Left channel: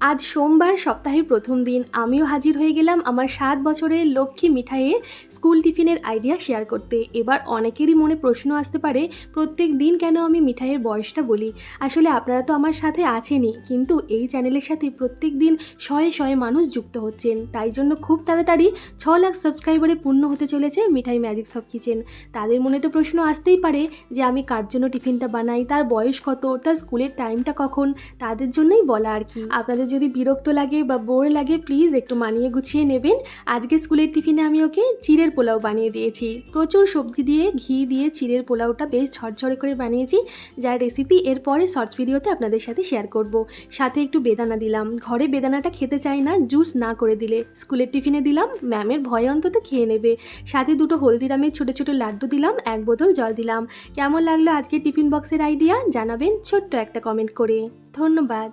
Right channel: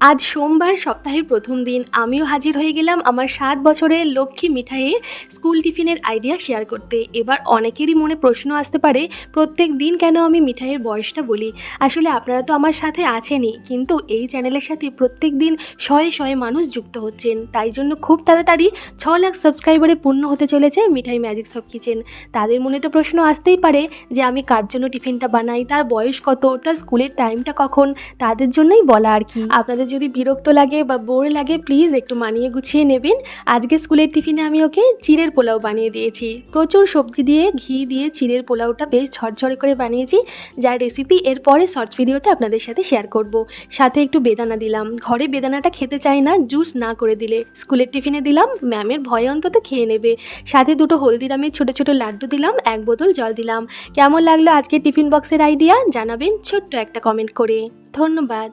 আজ সোমবার সপ্তাহের প্রথম দিন আমিও হাজির হয়ে গেলাম আমার 7 বছরের লক্ষ্মী মিঠাইয়ের স্কুল টিফিনের আইডিয়া শেয়ার করতে। এবার অনেকেরই মনে প্রশ্ন আসতে পারে, প্রত্যেক দিন কেন আমি মিঠাইয়ের বয়সটা বলি। আসলে আপনারা তো আমার সাথে আছেনই, কিন্তু এই চ্যানেলের সাথে প্রত্যেক দিন শয়ে শয়ে মানুষ যুক্ত হচ্ছেন। তাই জন্য খুব তাড়াতাড়ি 6 লাখ সাবস্ক্রাইবারে পূর্ণ হতে চলেছে মিঠাই ম্যাজিকস অফ কিচেন। তাদের মনে তো প্রশ্ন আসতেই পারে যে আমি কার জন্য টিফিনটা বানাই, তার বয়স কত, তার স্কুলের টাইমটা কখন। তাদের জন্যই বলা আর কি। আপনাদের যদি বিরক্ত লাগে বা বোর লাগে, প্লিজ একটু মানিয়ে গুছিয়ে নেবেন। আজকে স্কুলের টিফিনে আমি ওকে চিড়ের পোলাও বানিয়ে দিয়েছি। প্রচুর সবজি দিয়ে, ঘি দিয়ে চিড়ের পোলাওটা বেশ ঝরঝরে করে বানিয়েছি, যার রেসিপি এরপরে শর্টস ভিডিওতে আপনাদের সাথে শেয়ার করব। সাথে একটু বেদানা দিলাম। ঘরে বেদানাটা খেতে চাই না, জুস না করে দিলে। স্কুলের টিফিনে দিলাম, ম্যামের ভয়ে অন্তত খেয়ে নেবে। সাথে দুটো হলদিরামের ছোট ছোট লাড্ডু দিলাম, 1 বোতল জল দিলাম। কেমন লাগলো আজকের টিফিন বক্সের আইডিয়া জানাবেন ছোট্ট একটা কমেন্ট করে। ধন্যবাদ।